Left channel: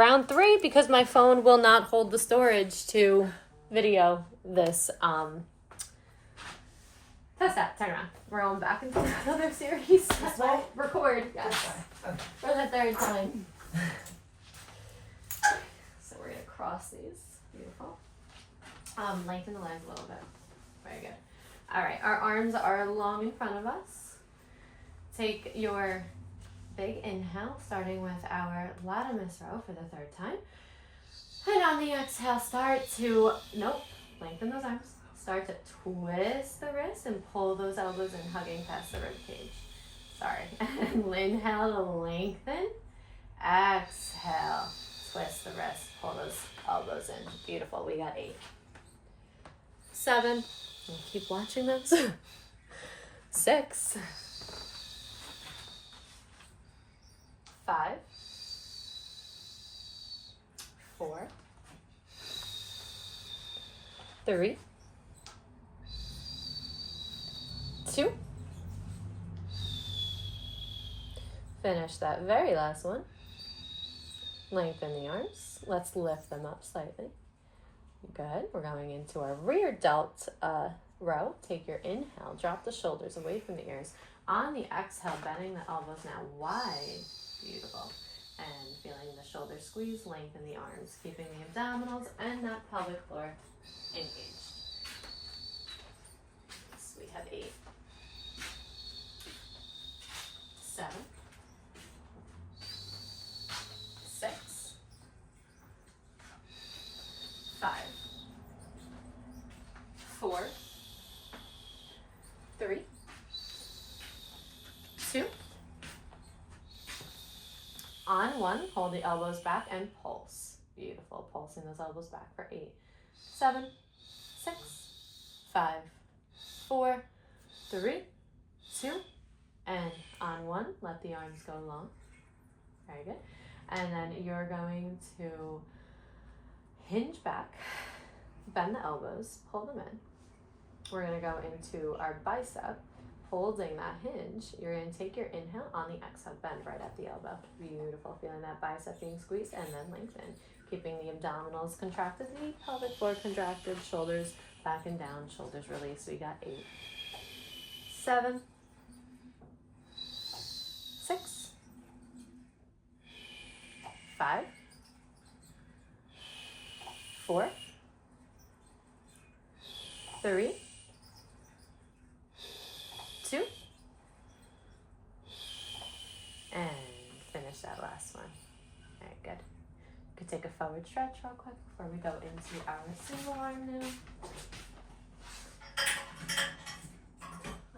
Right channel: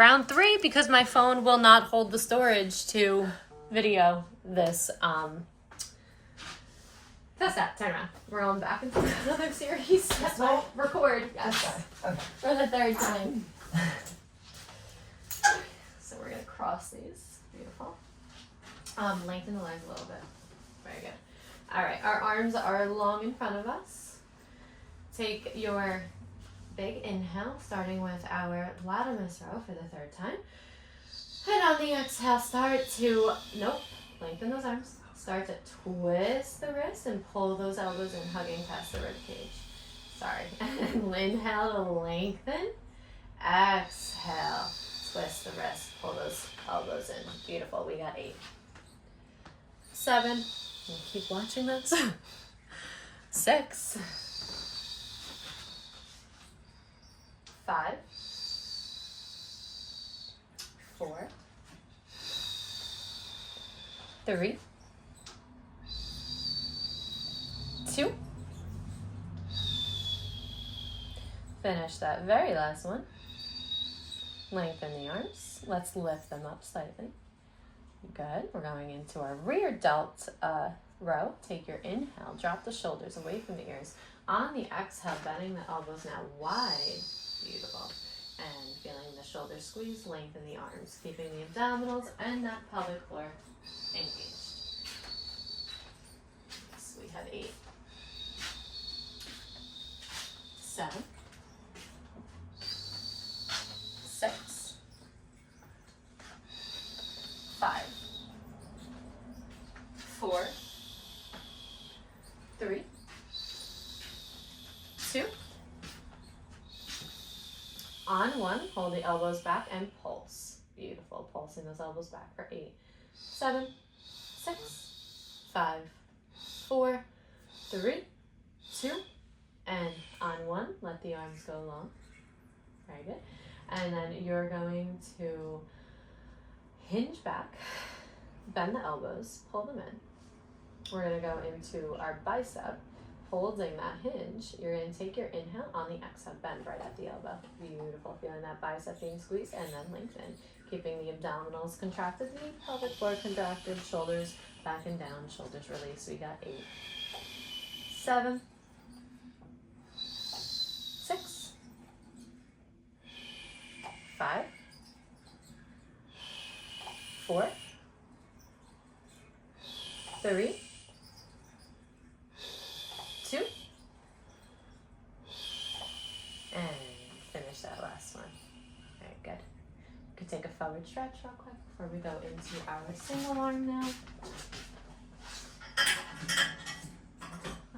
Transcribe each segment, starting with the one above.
round 3 because my phone will not hold the storage to video this. Test that. Turn around. We're going back into another series. Well, record. Yes. Okay. For the 3rd time. So we're gonna cross these. Beautiful. Lengthen the legs a little bit. Very good. All right. Our arms are long in front of us. Take your big inhale, starting with our latimus row for the 3rd time. And on the exhale, start to, lengthen those arms. Start to twist the wrist and pull those elbows in, hugging past the ribcage. Sorry. Inhale to lengthen. Exhale, twist the wrist, pull those elbows in. Beautiful. We got 8. 7. Keep watching those. 6. 5. 4. 3. 2. Finish that very last one. Lengthen the arms. Let's lift them up slightly. Good. We're going into our rear delt row. Take your inhale. Drop the shoulders away from the ears. On the exhale, bending the elbows now wide. Beautiful. And feeling the shoulders squeeze, lengthen the arms. Keeping the abdominals and that pelvic floor engaged. So we have 8. 7. 6. 5. 4. 3. 2. On 1, hold the elbows back and pulse. Beautiful. Pulsing those elbows back for 8. 7. 6. 5. 4. 3. 2. And on 1, let the arms go long. Very good. And then you're going to hinge back, bend the elbows, pull them in. We're going to go into our bicep, holding that hinge. You're going to take your inhale, on the exhale, bend right at the elbow. Beautiful. Feeling that bicep being squeezed and then lengthen. Keeping the abdominals contracted, the pelvic floor contracted, shoulders back and down, shoulders release. We got 8. 7. 6. 5. 4. 3. 2. And finish that last one. Very good. We could take a forward stretch real quick before we go into our single arm now.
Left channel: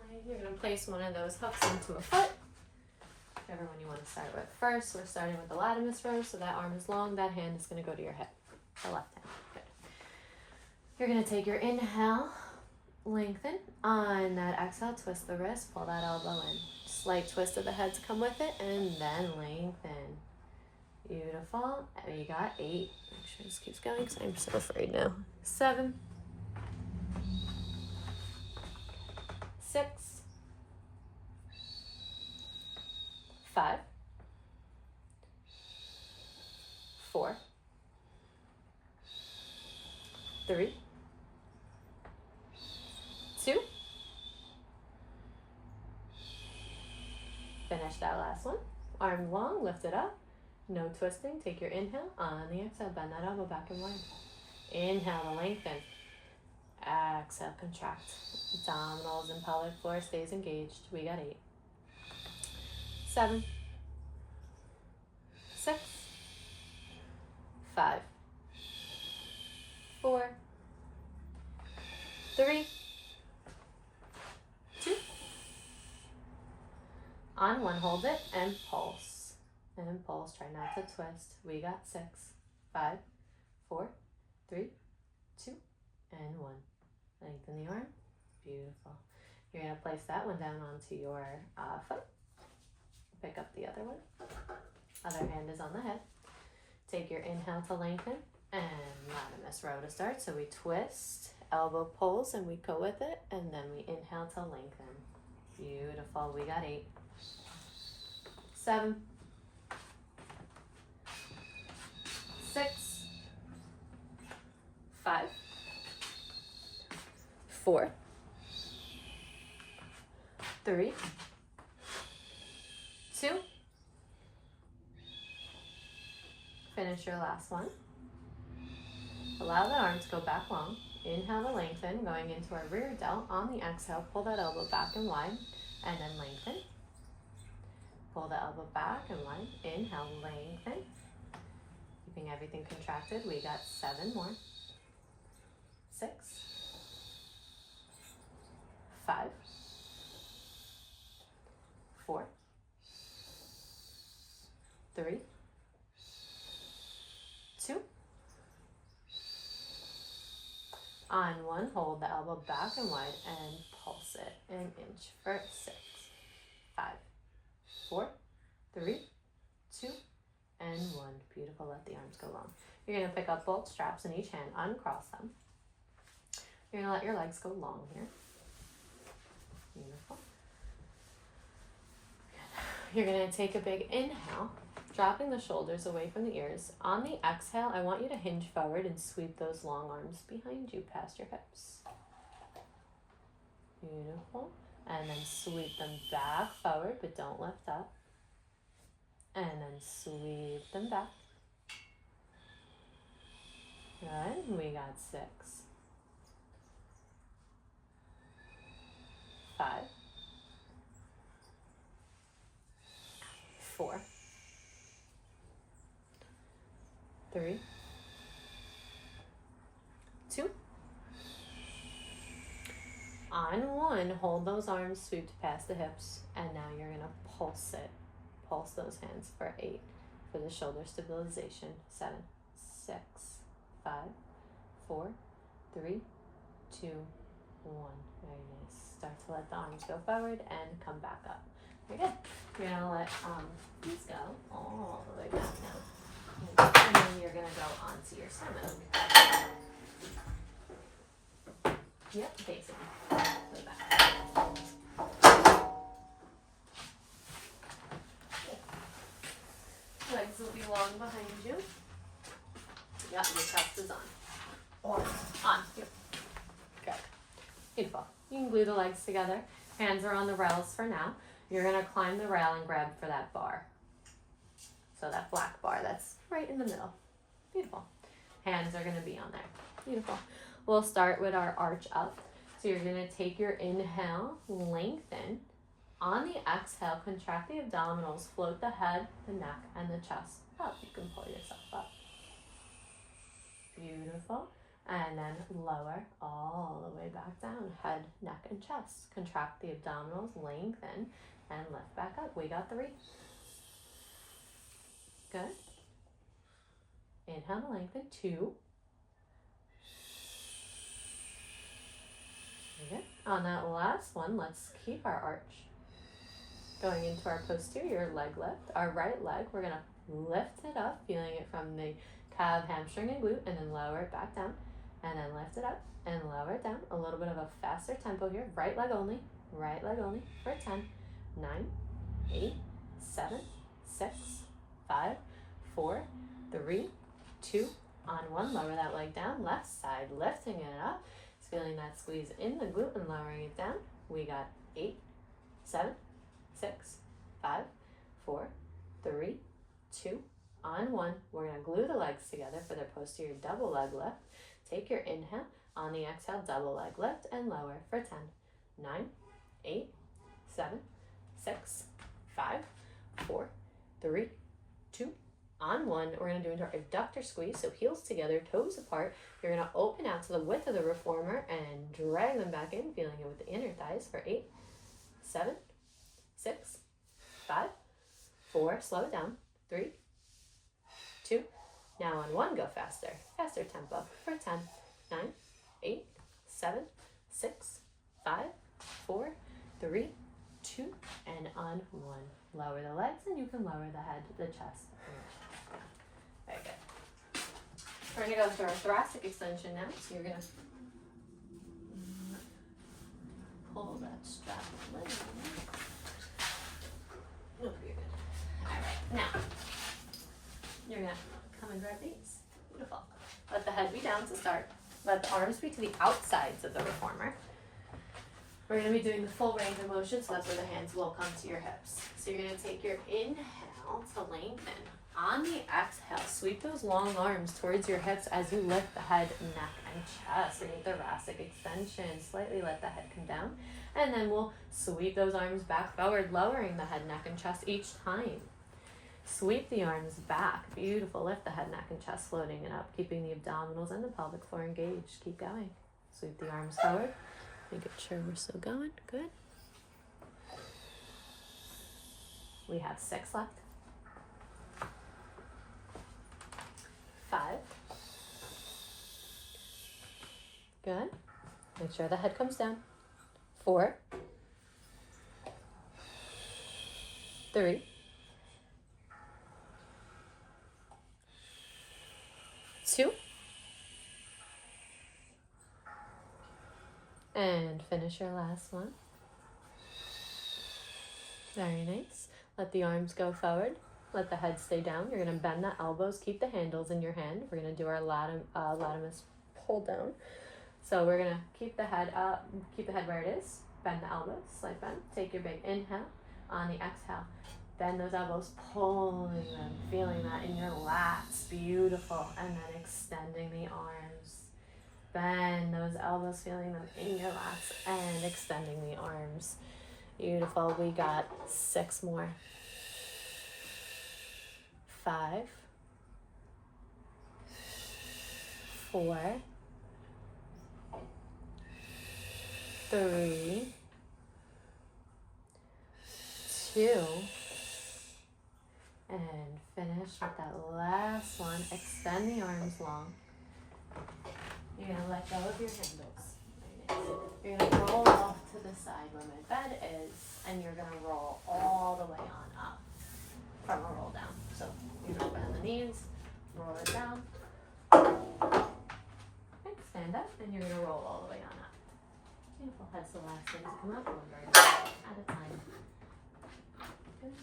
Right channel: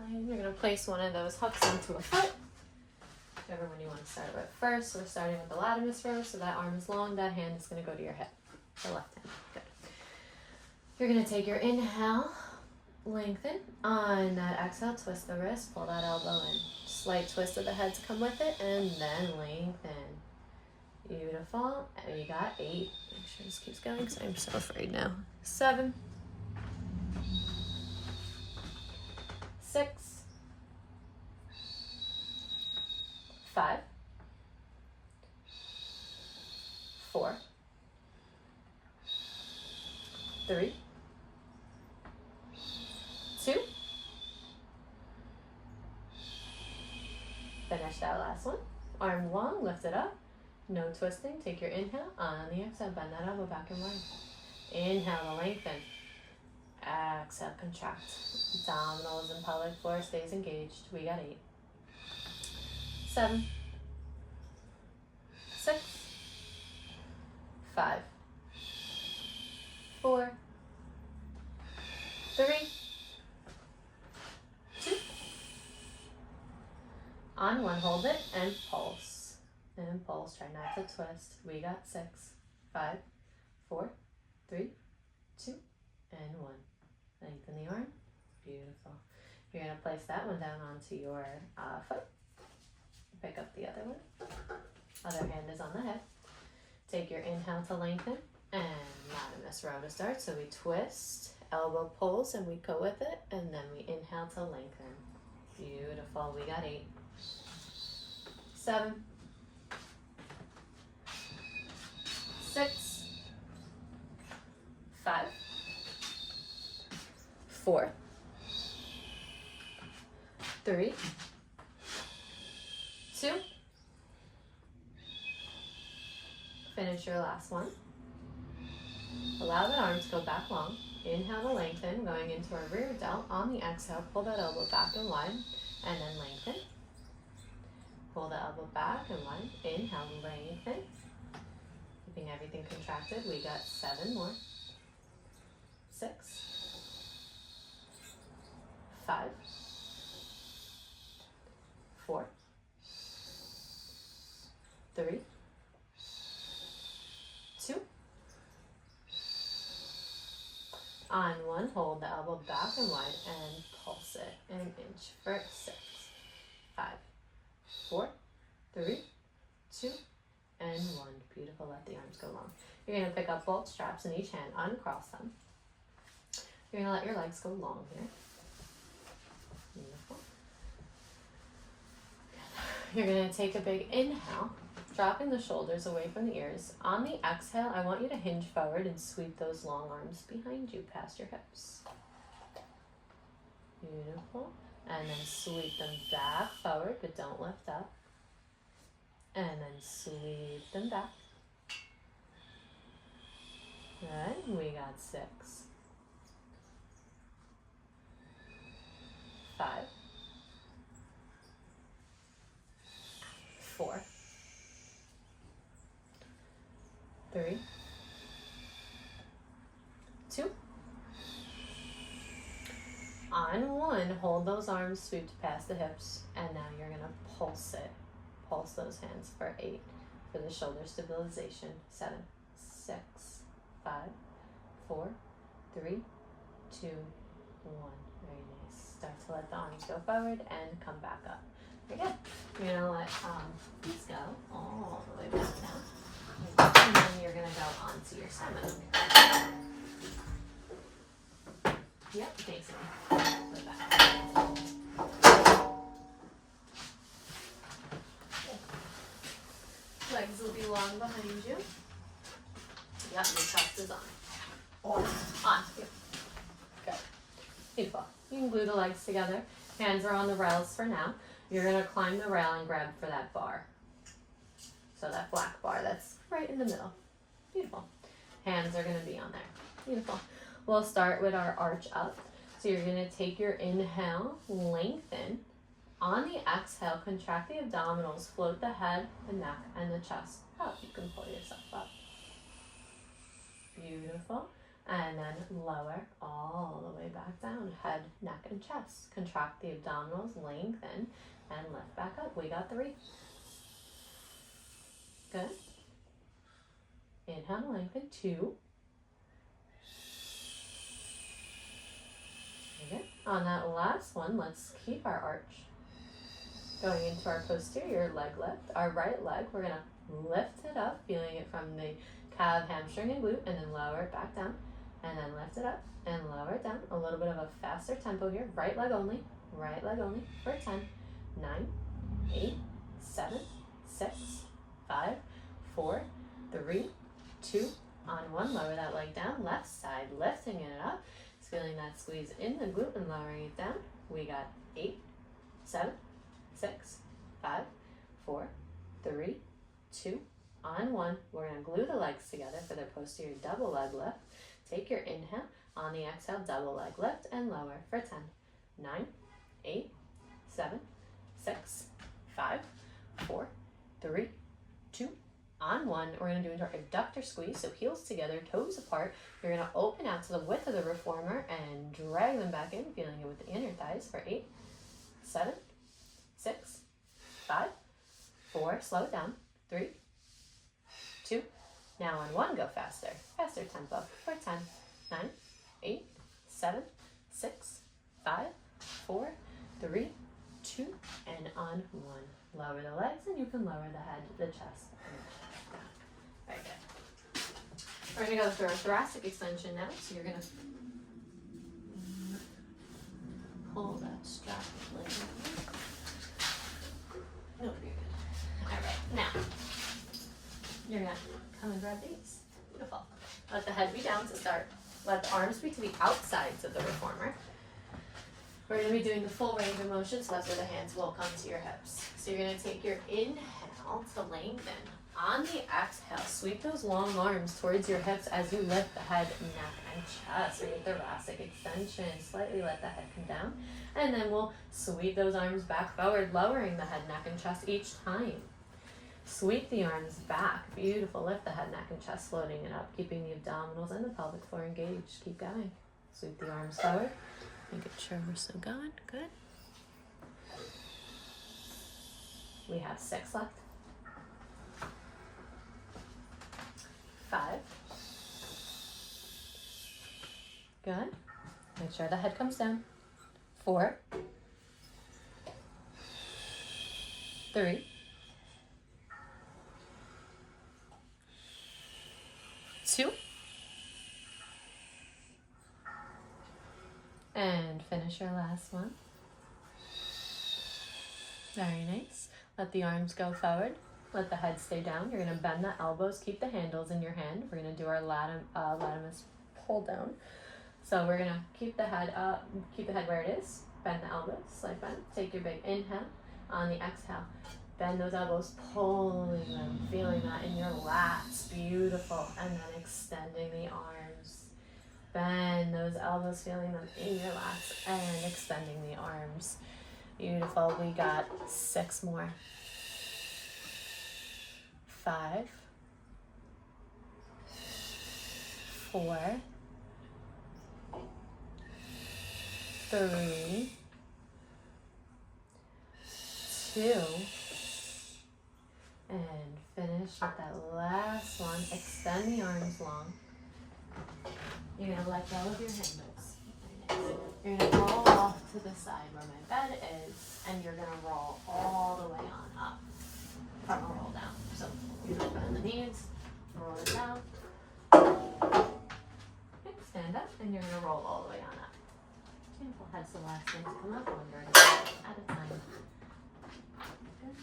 And you're going to place one of those hooks into a foot. Whichever one you want to start with first. We're starting with the latimus row, so that arm is long, that hand is going to go to your hip, the left hand. Good. You're going to take your inhale, lengthen. On that exhale, twist the wrist, pull that elbow in. Slight twist of the head to come with it, and then lengthen. Beautiful. And you got 8. Make sure this keeps going because I'm so afraid now. 7. 6. 5. 4. 3. 2. Finish that last one. Arm long, lift it up. No twisting. Take your inhale. On the exhale, bend that elbow back and wide. Inhale to lengthen. Exhale, contract. Abdominals and pelvic floor stays engaged. We got 8. 7. 6. 5. 4. 3. 2. On 1, hold it and pulse. And pulse. Try not to twist. We got 6. 5. 4. 3. 2. And 1. Lengthen the arm. Beautiful. You're going to place that one down onto your foot. Pick up the other one. Other hand is on the head. Take your inhale to lengthen and latimus row to start. So we twist, elbow pulls, and we go with it. And then we inhale to lengthen. Beautiful. We got 8. 7. 4, 3, 2. Finish your last one. Allow the arms to go back long. Inhale to lengthen, going into our rear delt. On the exhale, pull that elbow back and wide, and then lengthen. Pull the elbow back and wide. Inhale, lengthen. Keeping everything contracted. We got 7 more. 6, 5, 4, 3, 2. On 1, hold the elbow back and wide and pulse it an inch for 6, 5, 4, 3, 2, and 1. Beautiful. Let the arms go long. You're going to pick up both straps in each hand, uncross them. You're going to let your legs go long here. Beautiful. You're going to take a big inhale, dropping the shoulders away from the ears. On the exhale, I want you to hinge forward and sweep those long arms behind you past your hips. Beautiful. And then sweep them back forward, but don't lift up. And then sweep them back. Good. We got 6, 5, 4, 3, 2. On 1, hold those arms swooped past the hips, and now you're going to pulse it. Pulse those hands for 8 for the shoulder stabilization. 7, 6, 5, 4, 3, 2, 1. Very nice. Start to let the arms go forward and come back up. Very good. You're going to let these go all the way back now. And then you're going to go onto your stomach. Yep, facing the back. Legs will be long behind you. Yep, your chest is on. On. Yep. Good. Beautiful. You can glue the legs together. Hands are on the rails for now. You're going to climb the rail and grab for that bar. So that black bar that's right in the middle. Beautiful. Hands are going to be on there. Beautiful. We'll start with our arch up. So you're going to take your inhale, lengthen. On the exhale, contract the abdominals, float the head, the neck, and the chest up. You can pull yourself up. Beautiful. And then lower all the way back down. Head, neck, and chest. Contract the abdominals, lengthen, and lift back up. We got 3. Good. Inhale, lengthen. 2. Okay. On that last one, let's keep our arch. Going into our posterior leg lift. Our right leg, we're going to lift it up, feeling it from the calf, hamstring, and glute, and then lower it back down. And then lift it up and lower it down. A little bit of a faster tempo here. Right leg only. Right leg only for 10, 9, 8, 7, 6, 5, 4, 3, 2. On 1, lower that leg down. Left side, lifting it up. It's feeling that squeeze in the glute and lowering it down. We got 8, 7, 6, 5, 4, 3, 2. On 1, we're going to glue the legs together for the posterior double leg lift. Take your inhale. On the exhale, double leg lift and lower for 10, 9, 8, 7, 6, 5, 4, 3, 2. On 1, we're going to do into our abductor squeeze. So heels together, toes apart. You're going to open out to the width of the reformer and drag them back in, feeling it with the inner thighs for 8, 7, 6, 5, 4. Slow it down. 3, 2. Now on 1, go faster. Faster tempo for 10, 9, 8, 7, 6, 5, 4, 3, 2, and on 1. Lower the legs and you can lower the head, the chest. Very good. We're going to go through our thoracic extension now. So you're going to pull that strap. No, you're good. All right, now you're going to come and grab these. Beautiful. Let the head be down to start. Let the arms be to the outsides of the reformer. We're going to be doing the full range of motion, so that's where the hands will come to your hips. So you're going to take your inhale to lengthen. On the exhale, sweep those long arms towards your hips as you lift the head, neck, and chest. Make thoracic extension. Slightly let the head come down. And then we'll sweep those arms back forward, lowering the head, neck, and chest each time. Sweep the arms back. Beautiful. Lift the head, neck, and chest, floating it up, keeping the abdominals and the pelvic floor engaged. Keep going. Sweep the arms forward. Making sure we're still going. Good. We have 6 left. 5. Good. Make sure the head comes down. 4. 3. 2. And finish your last one. Very nice. Let the arms go forward. Let the head stay down. You're going to bend the elbows. Keep the handles in your hand. We're going to do our latimus pull down. So we're going to keep the head up, keep the head where it is. Bend the elbows, slight bend. Take your big inhale. On the exhale, bend those elbows, pulling them, feeling that in your lats. Beautiful. And then extending the arms. Bend those elbows, feeling them in your lats, and extending the arms. Beautiful. We got 6 more. 5. 4. 3. 2. And finish with that last one. Extend the arms long. You're going to let go of your handles. You're going to roll off to the side where my bed is, and you're going to roll all the way on up from a roll down. So you're going to bend the knees, roll it down, stand up, and you're going to roll all the way on up. Beautiful. That's the last thing to come up, one vertebrae at a time. Good.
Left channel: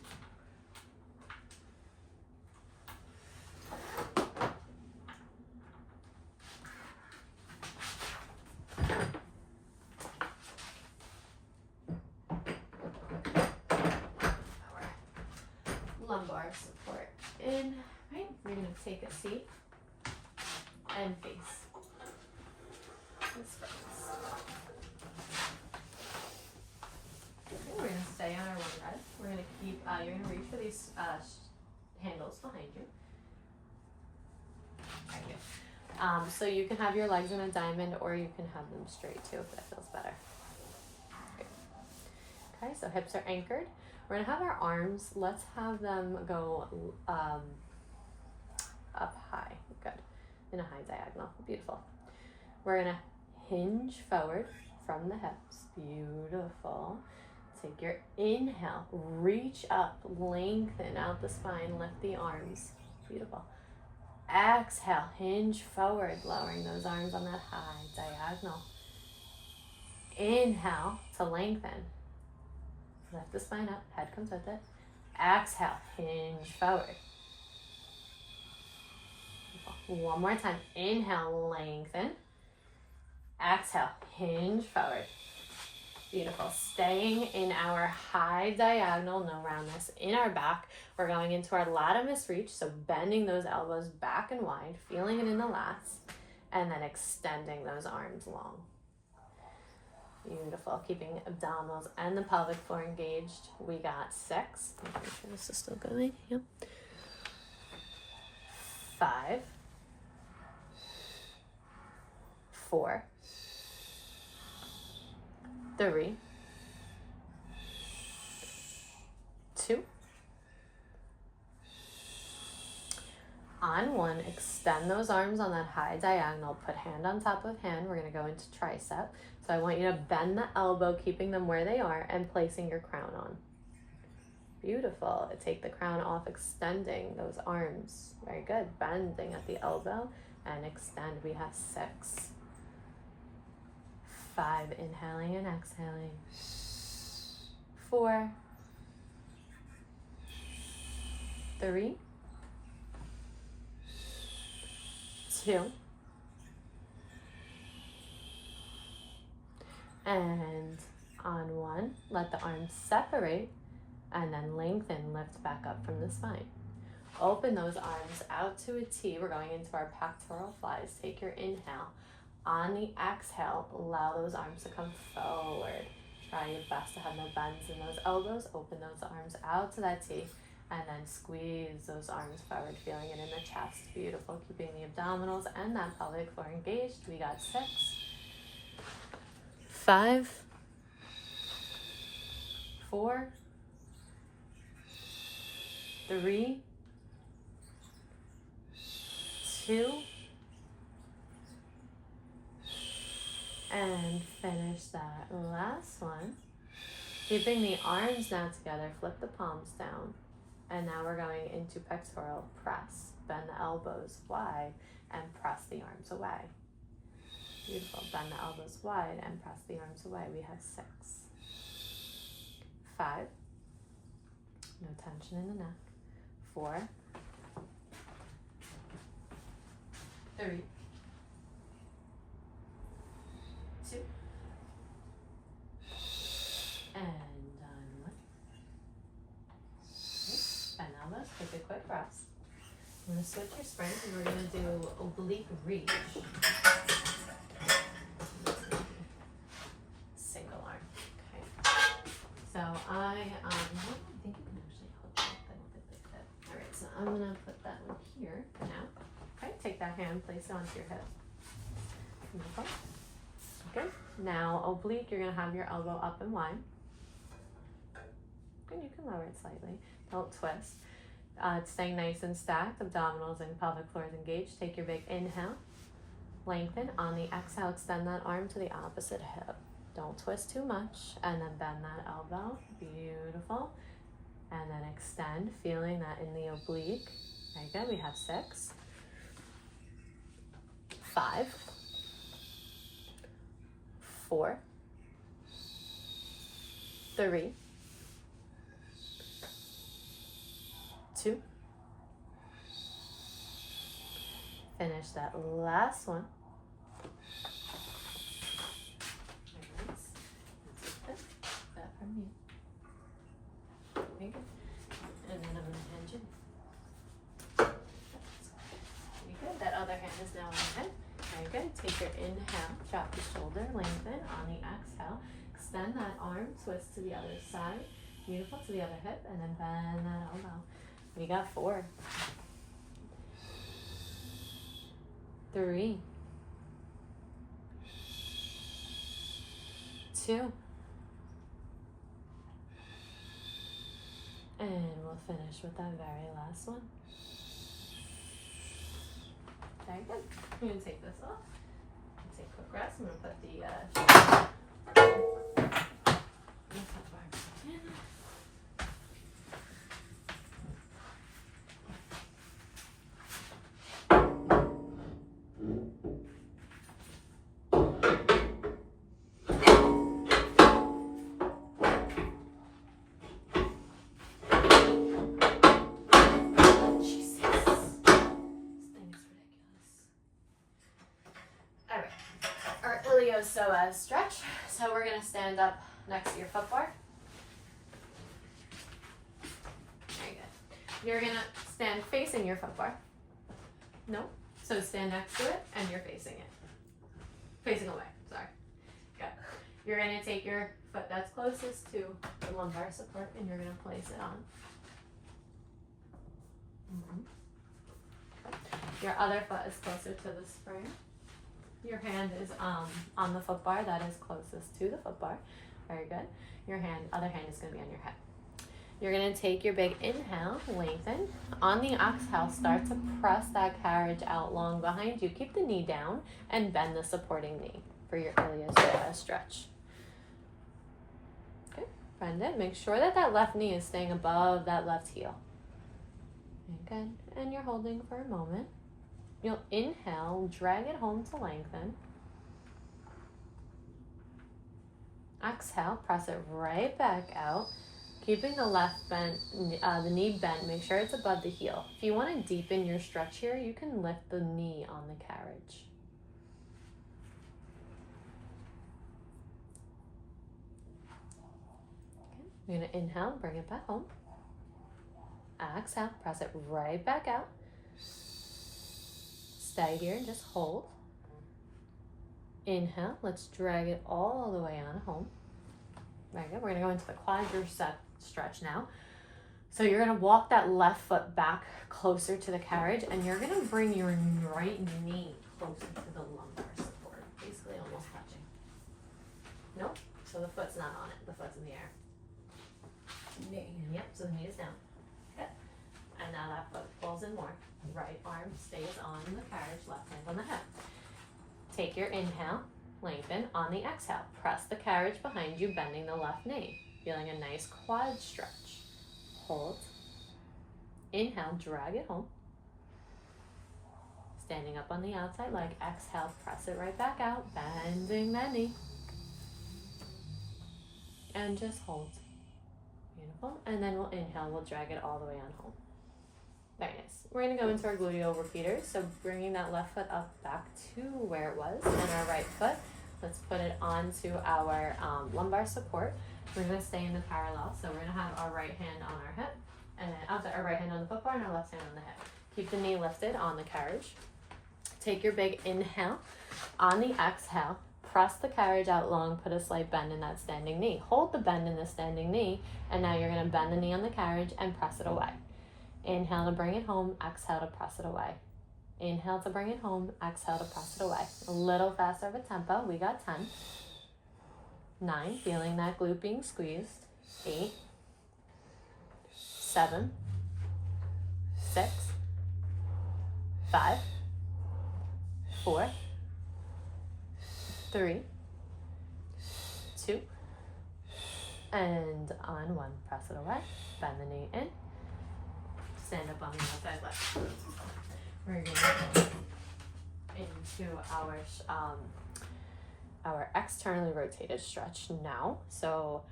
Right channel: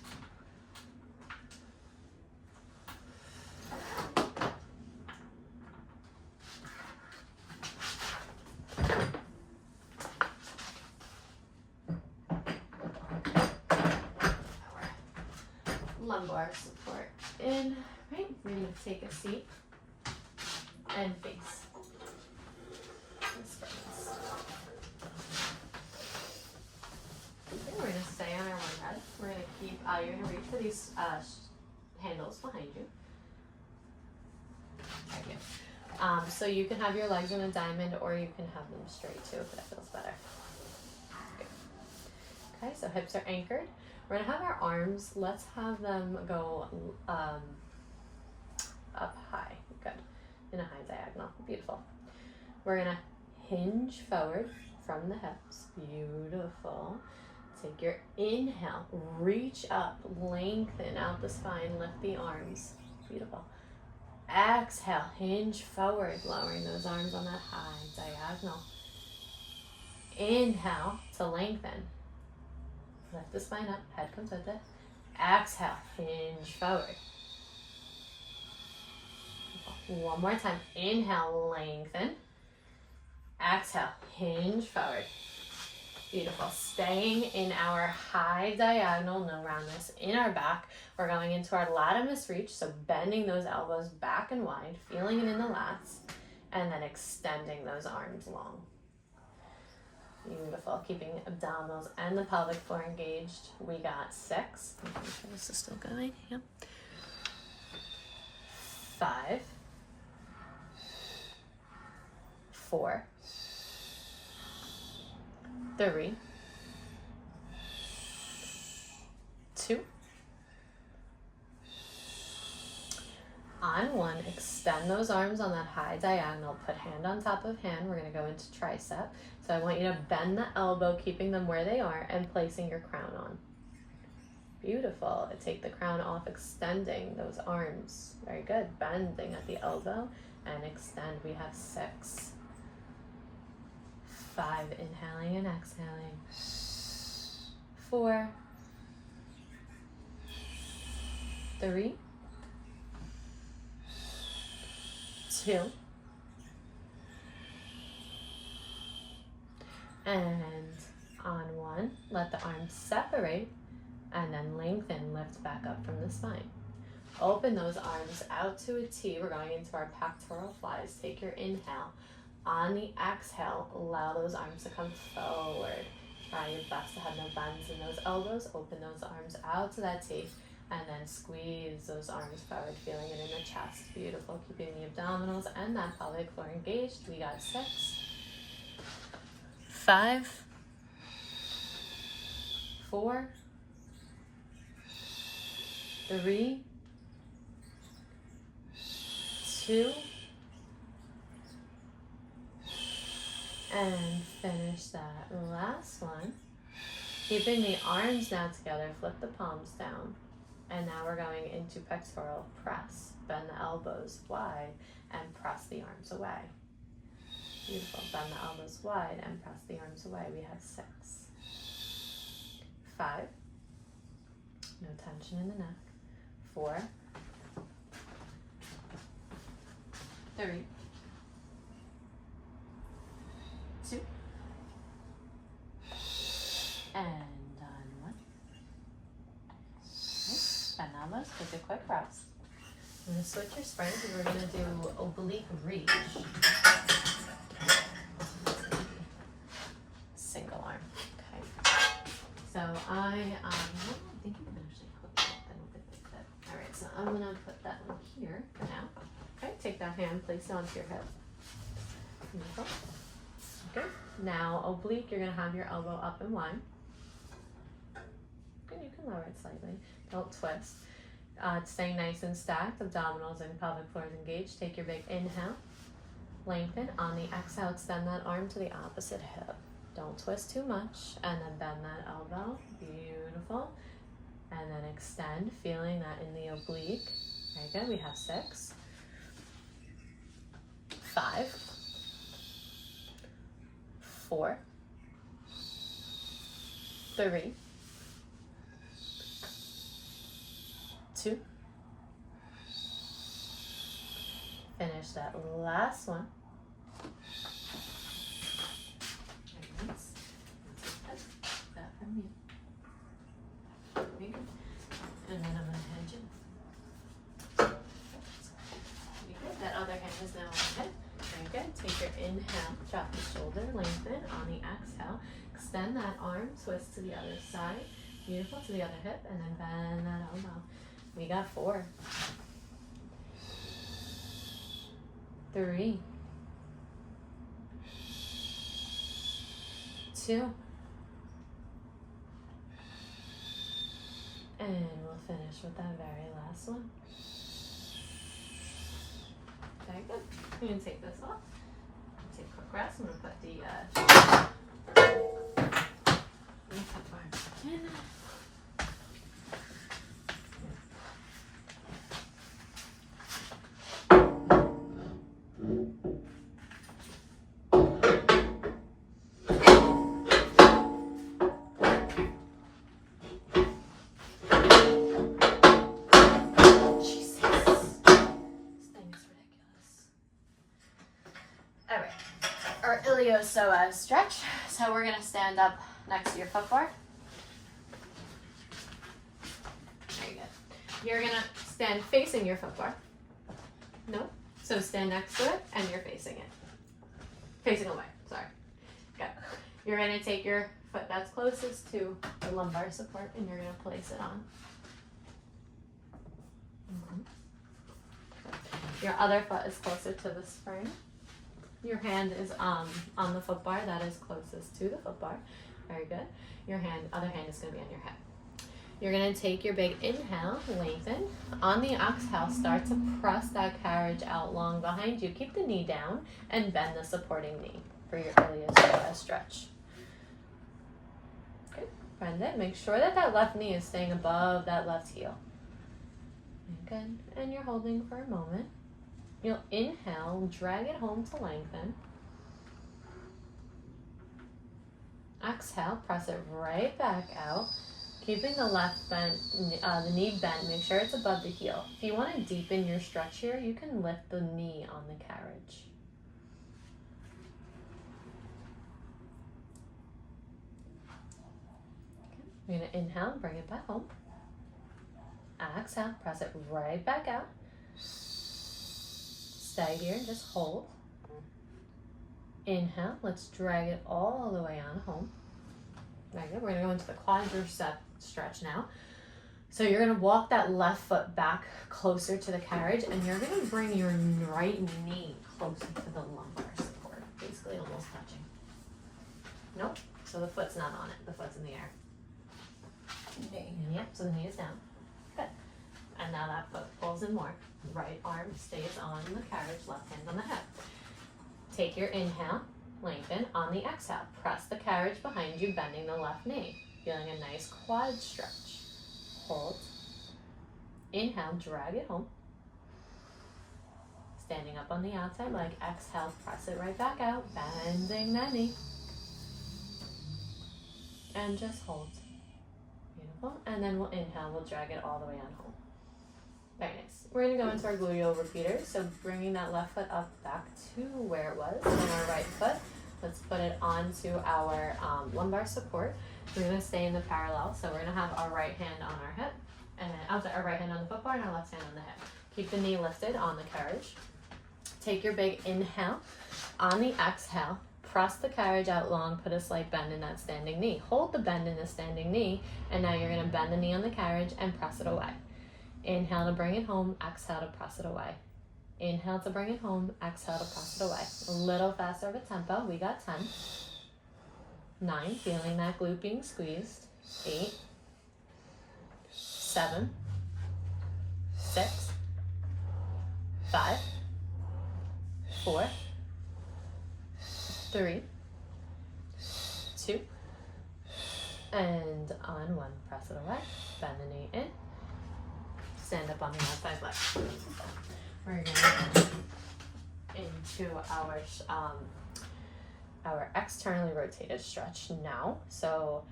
Lumbar support in, right? We're going to take a seat and face this face. Okay, we're going to stay on our one red. We're going to keep, you're going to reach for these handles behind you. Thank you. So you can have your legs in a diamond, or you can have them straight too if that feels better. Okay, so hips are anchored. We're going to have our arms, let's have them go up high. Good. In a high diagonal. Beautiful. We're going to hinge forward from the hips. Beautiful. Take your inhale, reach up, lengthen out the spine, lift the arms. Beautiful. Exhale, hinge forward, lowering those arms on that high diagonal. Inhale to lengthen. Lift the spine up, head comes with it. Exhale, hinge forward. One more time. Inhale, lengthen. Exhale, hinge forward. Beautiful. Staying in our high diagonal, no roundness, in our back. We're going into our latimus reach, so bending those elbows back and wide, feeling it in the lats, and then extending those arms long. Beautiful. Keeping the abdominals and the pelvic floor engaged. We got 6. Make sure this is still going. Yep. 5. 4. 3. 2. On 1, extend those arms on that high diagonal. Put hand on top of hand. We're going to go into tricep. So I want you to bend the elbow, keeping them where they are, and placing your crown on. Beautiful. Take the crown off, extending those arms. Very good. Bending at the elbow and extend. We have 6. 5. Inhaling and exhaling. 4. 3. 2. And On one, let the arms separate and then lengthen, lift back up from the spine. Open those arms out to a T. We're going into our pectoral flies. Take your inhale. On the exhale, allow those arms to come forward. Try your best to have no bends in those elbows. Open those arms out to that T. And then squeeze those arms forward, feeling it in the chest. Beautiful. Keeping the abdominals and that pelvic floor engaged. We got 6, 5, 4, 3, 2, and finish that last one. Keeping the arms now together, flip the palms down. And now we're going into pectoral press. Bend the elbows wide and press the arms away. Beautiful. Bend the elbows wide and press the arms away. We have 6, 5, no tension in the neck, 4, 3, 2, and done. Bend elbows, take a quick rest. I'm going to switch your springs and we're going to do oblique reach. Single arm. Okay. So I think you can actually hook it then with a good fit. Alright, so I'm going to put that one here for now. Okay, take that hand, place it onto your hip. Beautiful. Good. Now oblique, you're going to have your elbow up and wide. Good, you can lower it slightly. Don't twist. It's staying nice and stacked. Abdominals and pelvic floor is engaged. Take your big inhale. Lengthen. On the exhale, extend that arm to the opposite hip. Don't twist too much. And then bend that elbow. Beautiful. And then extend, feeling that in the oblique. Very good. We have 6, 5, 4, 3, 2. Finish that last one. That from me. Very good. And then I'm going to hand you. Very good. That other hand is now on the head. Very good. Take your inhale. Drop the shoulder. Lengthen. On the exhale, extend that arm. Twist to the other side. Beautiful. To the other hip. And then bend that elbow. We got 4, 3, 2, and we'll finish with that very last one. Very good. I'm going to take this off. Take a quick rest. I'm going to put the in. Ilioso stretch. So we're going to stand up next to your foot bar. Very good. You're going to stand facing your foot bar. No. So stand next to it and you're facing it. Facing away. Sorry. Good. You're going to take your foot that's closest to the lumbar support and you're going to place it on. Your other foot is closer to the spring. Your hand is on the foot bar that is closest to the foot bar. Very good. Your other hand is going to be on your head. You're going to take your big inhale, lengthen. On the exhale, start to press that carriage out long behind you. Keep the knee down and bend the supporting knee for your ilioso stretch. Okay, bend it. Make sure that that left knee is staying above that left heel. Good. And you're holding for a moment. You'll inhale, drag it home to lengthen. Exhale, press it right back out. Keeping the left bent, the knee bent, make sure it's above the heel. If you want to deepen your stretch here, you can lift the knee on the carriage. You're gonna inhale, bring it back home. Exhale, press it right back out. Stay here and just hold. Inhale, let's drag it all the way on home. Very good. We're gonna go into the quadricep stretch now. So you're gonna walk that left foot back closer to the carriage, and you're gonna bring your right knee closer to the lumbar support, basically almost touching. Nope. So the foot's not on it. The foot's in the air. Knee. Yep. So the knee is down. Good. And now that foot pulls in more. Right arm stays on the carriage. Left hand on the hip. Take your inhale. Lengthen. On the exhale, press the carriage behind you, bending the left knee. Feeling a nice quad stretch. Hold. Inhale, drag it home. Standing up on the outside leg. Exhale, press it right back out, bending that knee. And just hold. Beautiful. And then we'll inhale, we'll drag it all the way on home. Very nice. We're going to go into our gluteal repeaters. So bringing that left foot up back to where it was, and our right foot, let's put it onto our lumbar support. We're going to stay in the parallel. So we're going to have our right hand on our hip, and then our right hand on the foot bar and our left hand on the hip. Keep the knee lifted on the carriage. Take your big inhale. On the exhale, press the carriage out long, put a slight bend in that standing knee. Hold the bend in the standing knee, and now you're going to bend the knee on the carriage and press it away. Inhale to bring it home, exhale to press it away. Inhale to bring it home, exhale to press it away. A little faster of a tempo. We got 10. 9, feeling that glute being squeezed. 8, 7, 6, 5, 4, 3, 2, and on 1. Press it away. Bend the knee in. Stand up on the outside leg. We're going to go into our externally rotated stretch now. So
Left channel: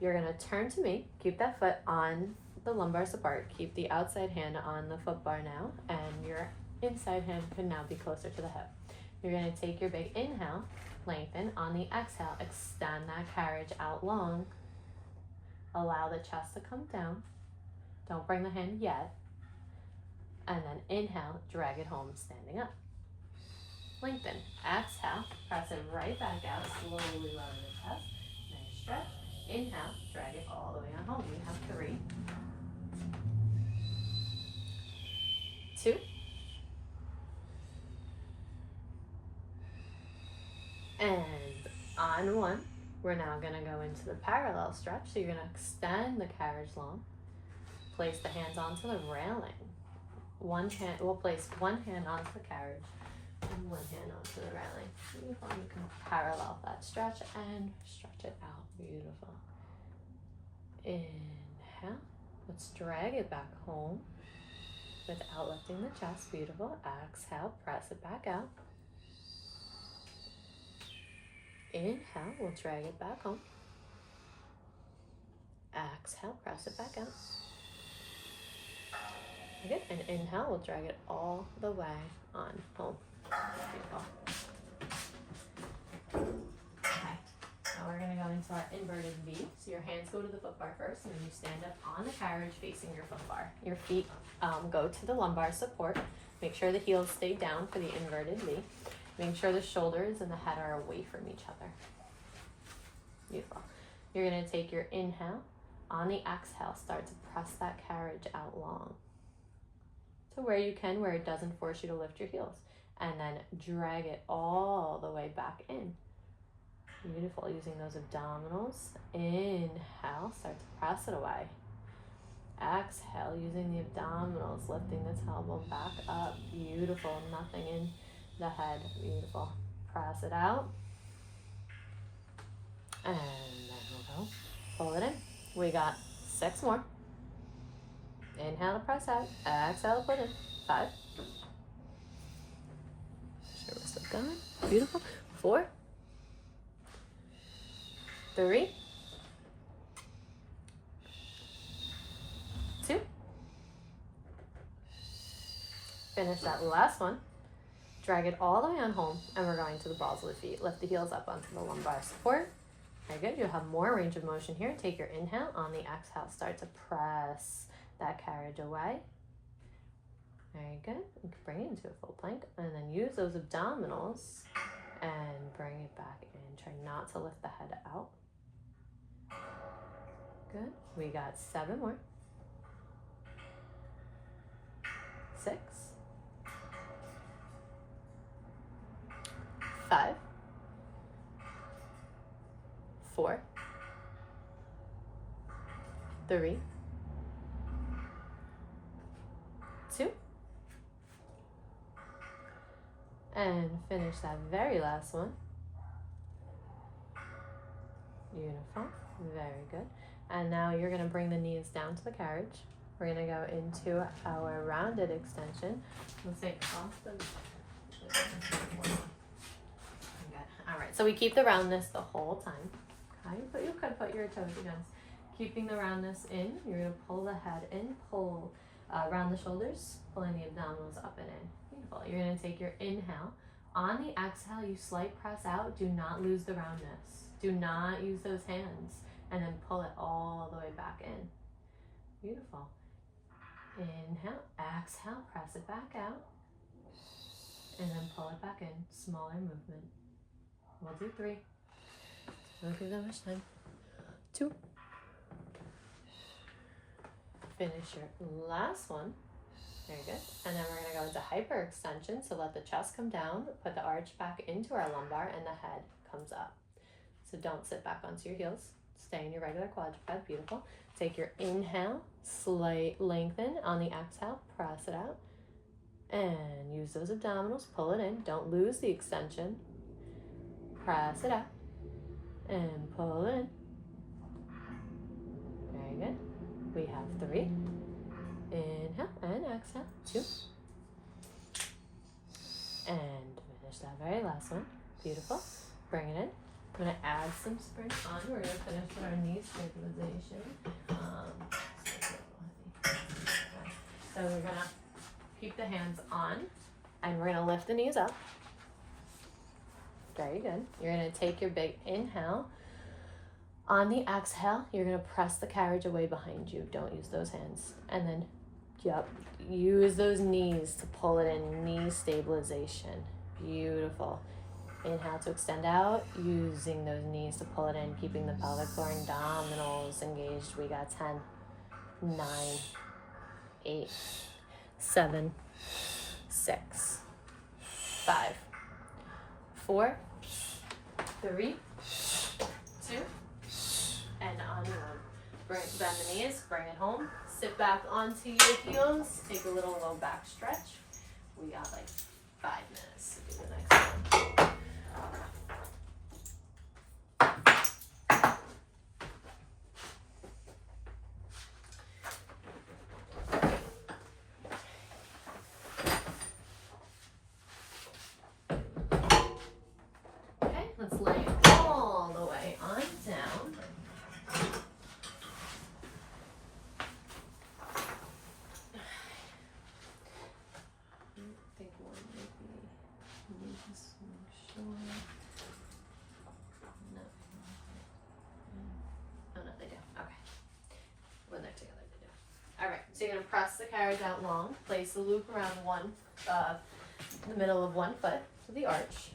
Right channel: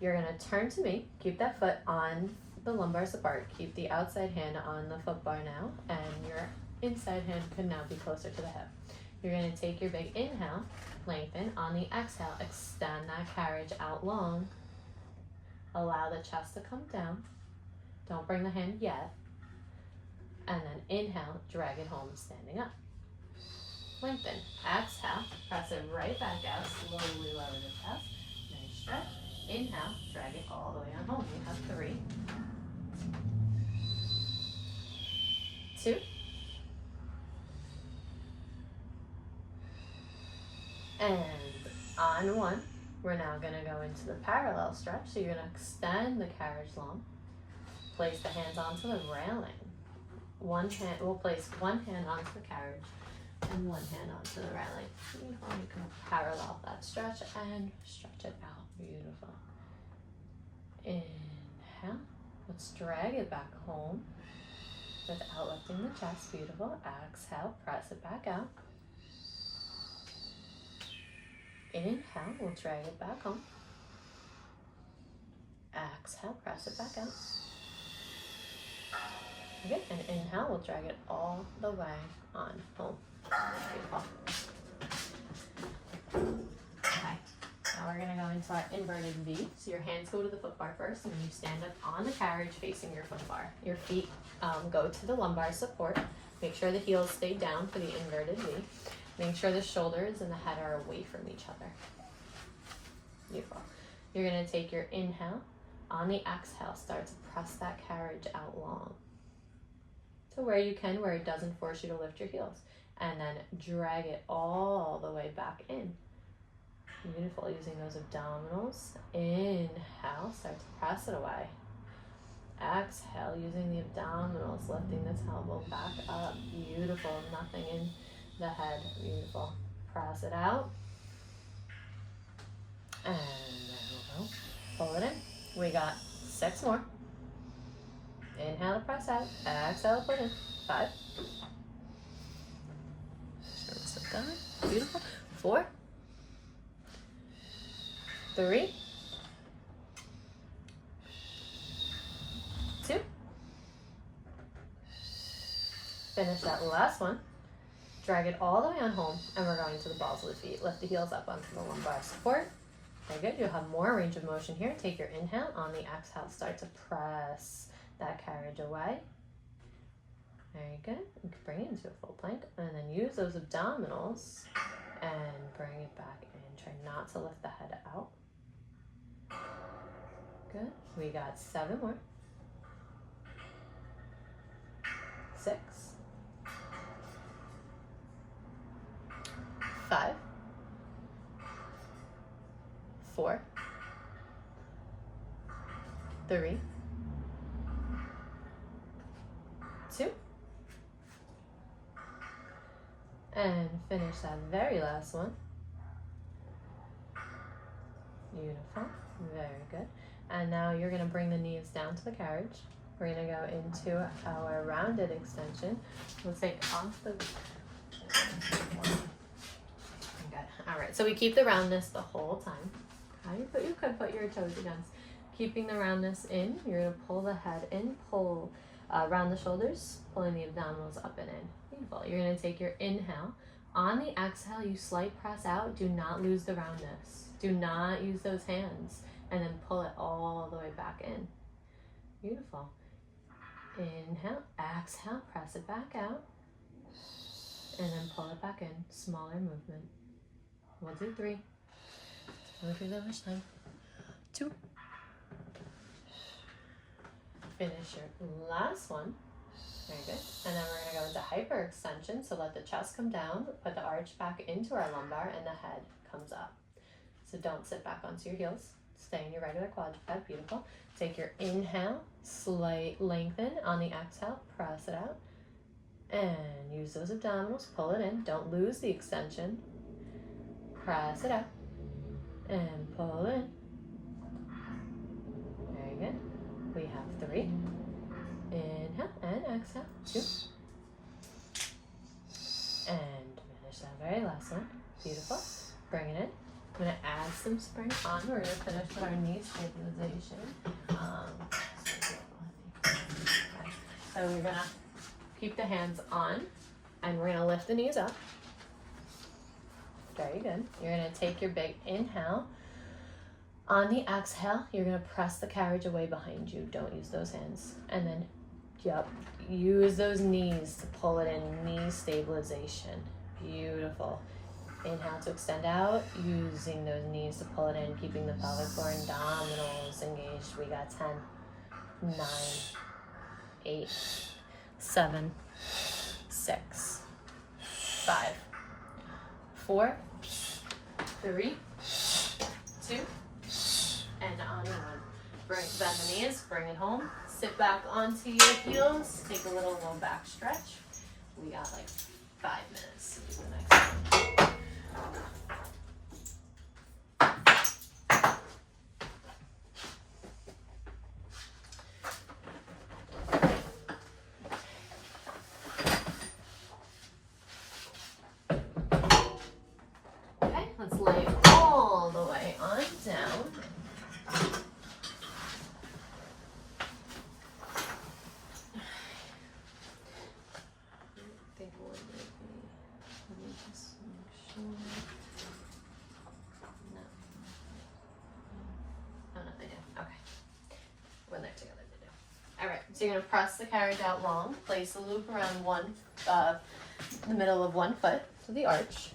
you're going to turn to me, keep that foot on the lumbar support, keep the outside hand on the foot bar now, and your inside hand could now be closer to the hip. You're going to take your big inhale, lengthen. On the exhale, extend that carriage out long. Allow the chest to come down. Don't bring the hand yet. And then inhale, drag it home, standing up. Lengthen. Exhale, press it right back out, slowly lower the chest. Nice stretch. Inhale, drag it all the way on home. We have 3, 2, and on 1. We're now going to go into the parallel stretch. So you're going to extend the carriage long. Place the hands onto the railing. We'll place one hand onto the carriage and one hand onto the railing. Beautiful. You can parallel that stretch and stretch it out. Beautiful. Inhale. Let's drag it back home without lifting the chest. Beautiful. Exhale. Press it back out. Inhale. We'll drag it back home. Exhale. Press it back out. Good. And inhale, we'll drag it all the way on home. Beautiful. Okay. Now we're going to go into our inverted V. So your hands go to the foot bar first, and then you stand up on the carriage facing your foot bar. Your feet go to the lumbar support. Make sure the heels stay down for the inverted V. Make sure the shoulders and the head are away from each other. Beautiful. You're going to take your inhale. On the exhale, start to press that carriage out long. To where you can, where it doesn't force you to lift your heels. And then drag it all the way back in. Beautiful, using those abdominals. Inhale, start to press it away. Exhale, using the abdominals, lifting the tailbone back up. Beautiful, nothing in the head. Beautiful. Press it out. And there we go. Pull it in. We got 6 more. Inhale to press out. Exhale, put in. 5. Sit down. Beautiful. 4. 3. 2. Finish that last one. Drag it all the way on home, and we're going to the balls of the feet. Lift the heels up onto the lumbar support. Very good. You'll have more range of motion here. Take your inhale. On the exhale, start to press that carriage away. Very good. You can bring it into a full plank and then use those abdominals and bring it back in. Try not to lift the head out. Good. We got 7 more. 6, 5, 4, 3, 2, and finish that very last one. Beautiful. Very good. And now you're going to bring the knees down to the carriage. We're going to go into our rounded extension. Let's take off the... Good. All right, so we keep the roundness the whole time. Okay, but you could put your toes against. Keeping the roundness in, you're going to pull the head in, pull around the shoulders, pulling the abdominals up and in. Beautiful. You're going to take your inhale. On the exhale, you slight press out. Do not lose the roundness. Do not use those hands. And then pull it all the way back in. Beautiful. Inhale, exhale, press it back out. And then pull it back in. Smaller movement. We'll do 3. Don't give that much time. 2. Finish your last one. Very good. And then we're going to go into hyperextension. So let the chest come down, put the arch back into our lumbar, and the head comes up. So don't sit back onto your heels. Stay in your regular quadruped. Beautiful. Take your inhale, slight lengthen. On the exhale, press it out. And use those abdominals, pull it in. Don't lose the extension. Press it out. And pull it in. Very good. We have 3. Inhale and exhale. 2. And finish that very last one. Beautiful. Bring it in. I'm going to add some spring on. We're going to finish with our knee stabilization. So we're going to keep the hands on and we're going to lift the knees up. Very good. You're going to take your big inhale. On the exhale, you're going to press the carriage away behind you. Don't use those hands. And then, use those knees to pull it in. Knee stabilization. Beautiful. Inhale to extend out, using those knees to pull it in, keeping the pelvic floor and abdominals engaged. We got 10, 9, 8, 7, 6, 5, 4, 3, 2, and onward. Bend the knees, bring it home. Sit back onto your heels. Take a little low back stretch. We got like 5 minutes to do the next one. Okay, let's lay all the way on down. So you're going to press the carriage out long, place the loop around the middle of one foot, so the arch.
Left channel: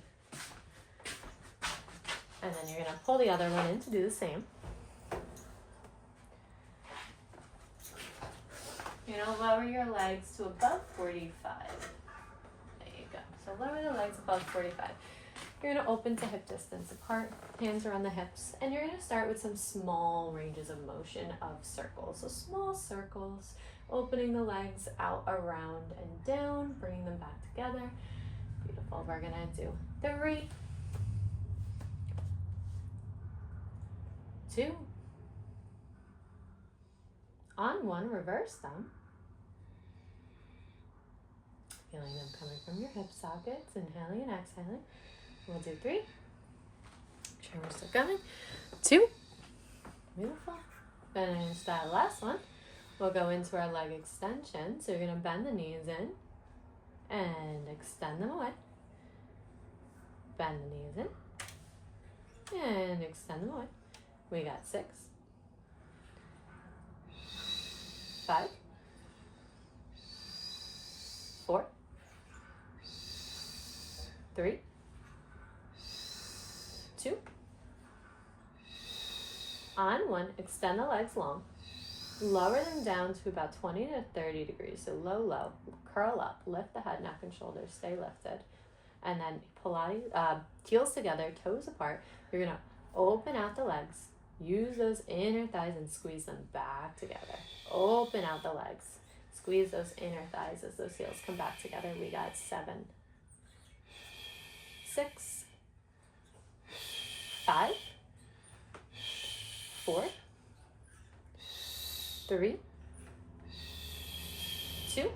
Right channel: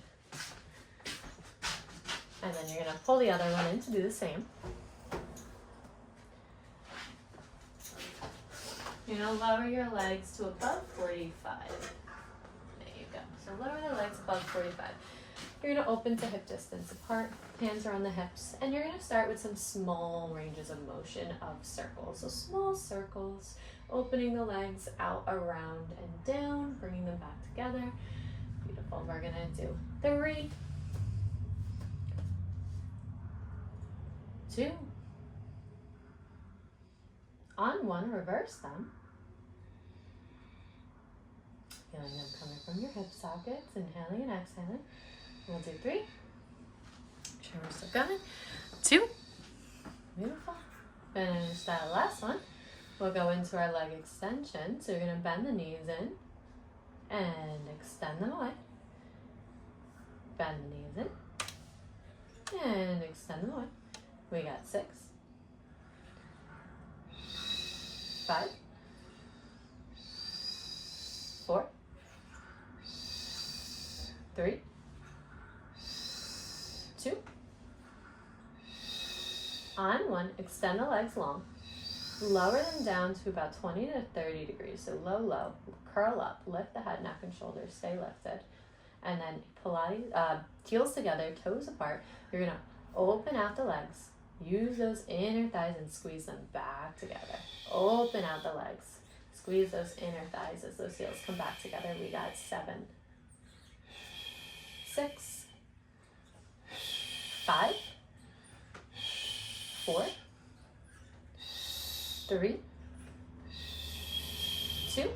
And then you're going to pull the other one in to do the same. You're going to lower your legs to above 45. There you go. So lower the legs above 45. You're going to open to hip distance apart, hands around the hips, and you're going to start with some small ranges of motion of circles. So small circles, opening the legs out, around, and down, bringing them back together. Beautiful. We're going to do 3, 2, on 1, reverse them. Feeling them coming from your hip sockets, inhaling and exhaling. We'll do 3. Make sure we're still going. 2. Beautiful. Finish that last one. We'll go into our leg extension. So you're going to bend the knees in and extend them away. Bend the knees in and extend them away. We got 6, 5, 4, 3, 2. On 1, extend the legs long. Lower them down to about 20 to 30 degrees. So low, low. Curl up. Lift the head, neck, and shoulders. Stay lifted. And then Pilates, heels together, toes apart. You're going to open out the legs. Use those inner thighs and squeeze them back together. Open out the legs. Squeeze those inner thighs as those heels come back together. We got 7, 6, 5, 4, 3, 2,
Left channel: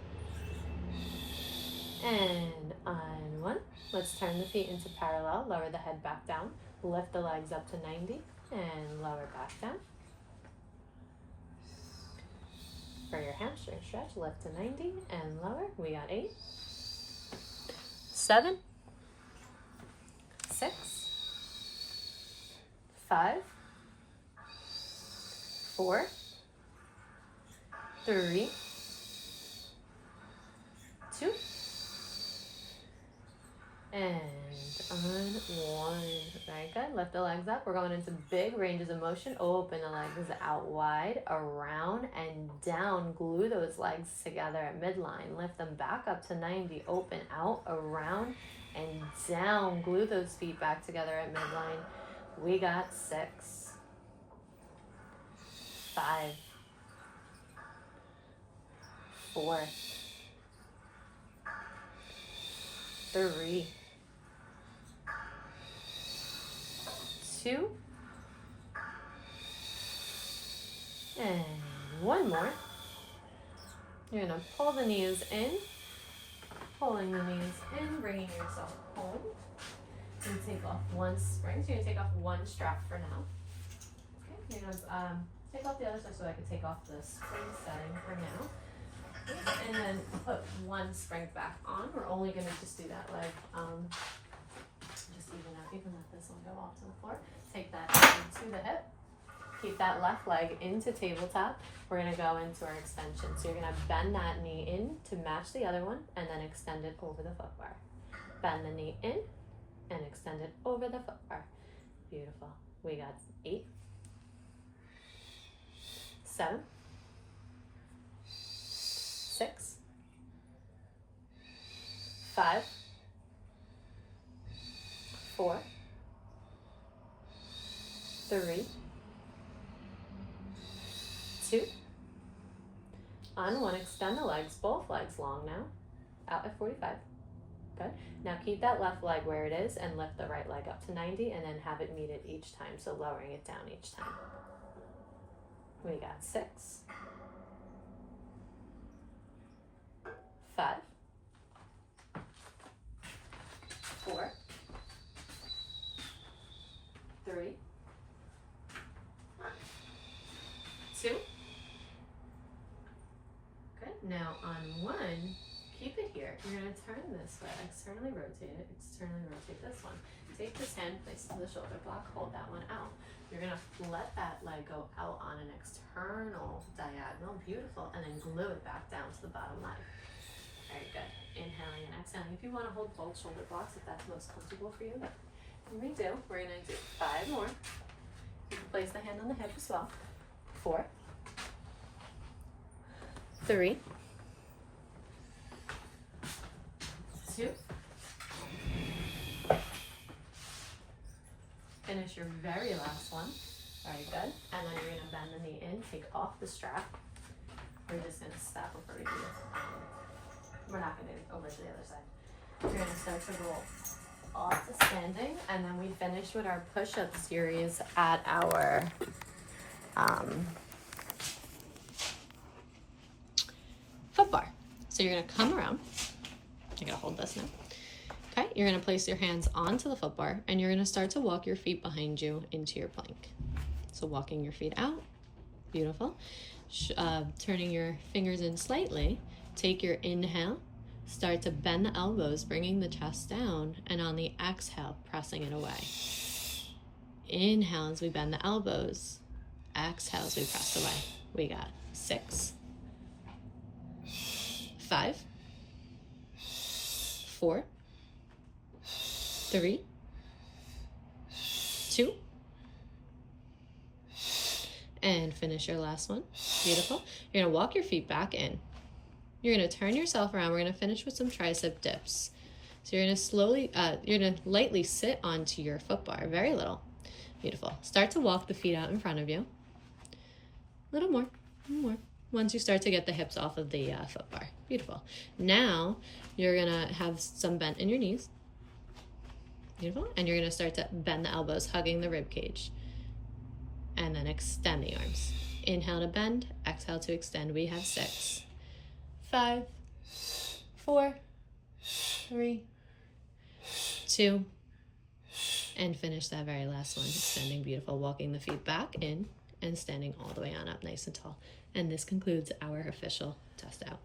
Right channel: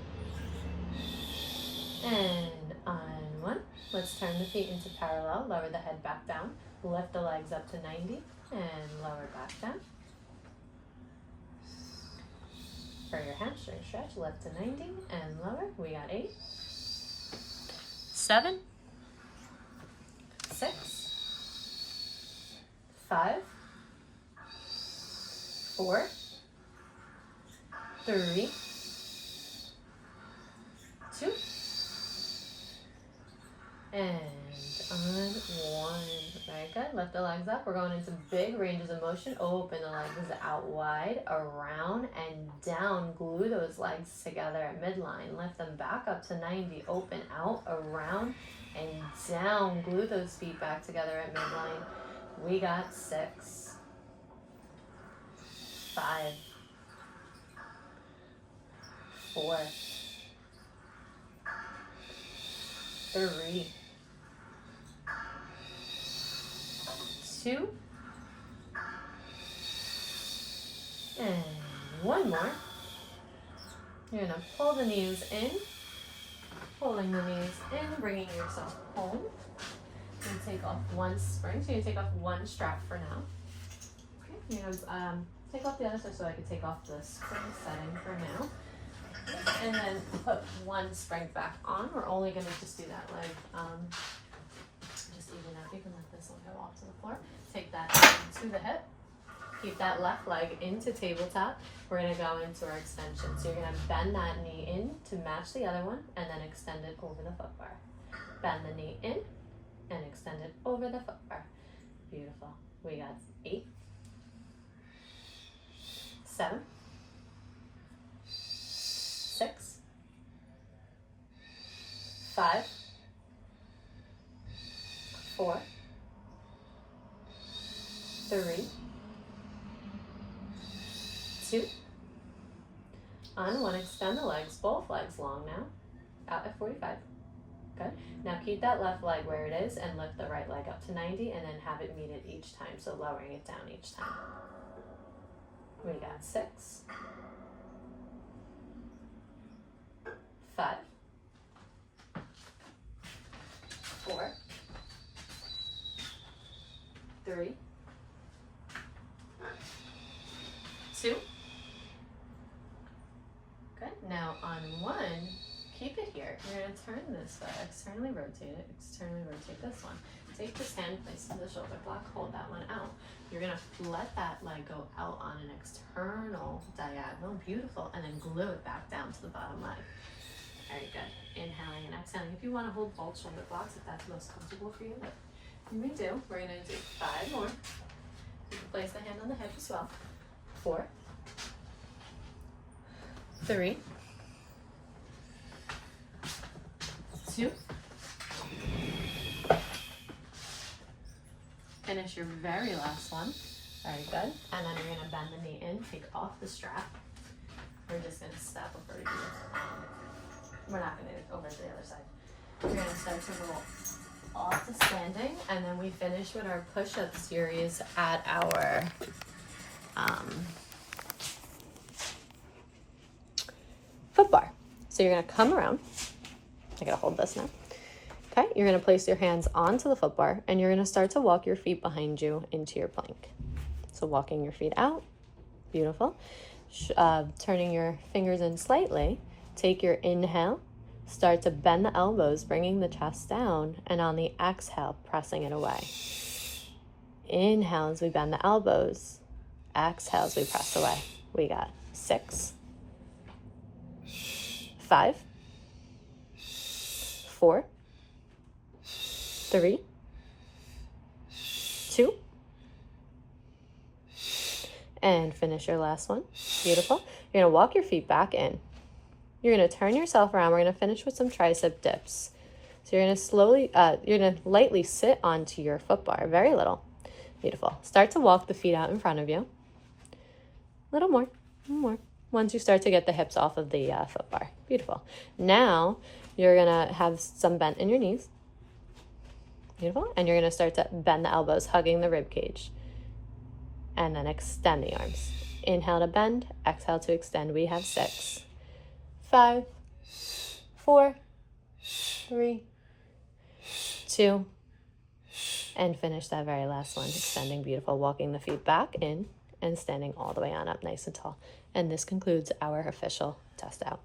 and on 1. Let's turn the feet into parallel. Lower the head back down. Lift the legs up to 90 and lower back down. For your hamstring stretch, lift to 90 and lower. We got 8, 7, 6, 5, 4, 3, 2, and on 1. Very good. Lift the legs up. We're going into big ranges of motion. Open the legs out wide, around, and down. Glue those legs together at midline. Lift them back up to 90. Open out, around, and down. Glue those feet back together at midline. We got 6, 5, 4, 3, 2, and 1 more. You're going to pull the knees in, pulling the knees in, bringing yourself home. You take off 1 spring, so you're going to take off 1 strap for now. Okay, you're going to take off the other side so I can take off the spring setting for now. And then put 1 spring back on. We're only going to just do that leg. Just even out. You can let this one go off to the floor. Take that to the hip. Keep that left leg into tabletop. We're going to go into our extension. So you're going to bend that knee in to match the other one and then extend it over the foot bar. Bend the knee in and extend it over the foot bar. Beautiful. We got 8, 7, 6, 5, 4, 3, 2. On 1, extend the legs, both legs long now, out at 45. Good. Now keep that left leg where it is and lift the right leg up to 90 and then have it meet it each time, so lowering it down each time. We got 6, 5, 4, 3, 2. Good. Now on 1, keep it here. You're going to turn this way, externally rotate it, externally rotate this one. Take this hand, place it in the shoulder block, hold that one out. You're going to let that leg go out on an external diagonal, beautiful, and then glue it back down to the bottom leg. Very good. Inhaling and exhaling. If you want to hold both shoulder blocks, if that's most comfortable for you, we do. We're going to do 5 more. You can place the hand on the hip as well. 4, 3, 2. Finish your very last one. Very good. And then you're going to bend the knee in, take off the strap. We're just going to stop before we do it. We're not going to do it over to the other side. We're going to start to roll off to standing, and then we finish with our push-up series at our foot bar. So you're going to come around. I got to hold this now. Okay, you're going to place your hands onto the foot bar, and you're going to start to walk your feet behind you into your plank. So walking your feet out, beautiful. Turning your fingers in slightly. Take your inhale, start to bend the elbows, bringing the chest down, and on the exhale, pressing it away. Inhale as we bend the elbows. Exhale as we press away. We got 6, 5, 4, 3, 2, and finish your last one. Beautiful. You're going to walk your feet back in. You're going to turn yourself around. We're going to finish with some tricep dips. So you're going to you're going to lightly sit onto your foot bar, very little. Beautiful. Start to walk the feet out in front of you. A little more. Once you start to get the hips off of the foot bar. Beautiful. Now you're going to have some bent in your knees. Beautiful. And you're going to start to bend the elbows, hugging the rib cage. And then extend the arms. Inhale to bend, exhale to extend. We have 6, 5, 4, 3, 2, and finish that very last one. Extending, beautiful, walking the feet back in and standing all the way on up nice and tall. And this concludes our official test out.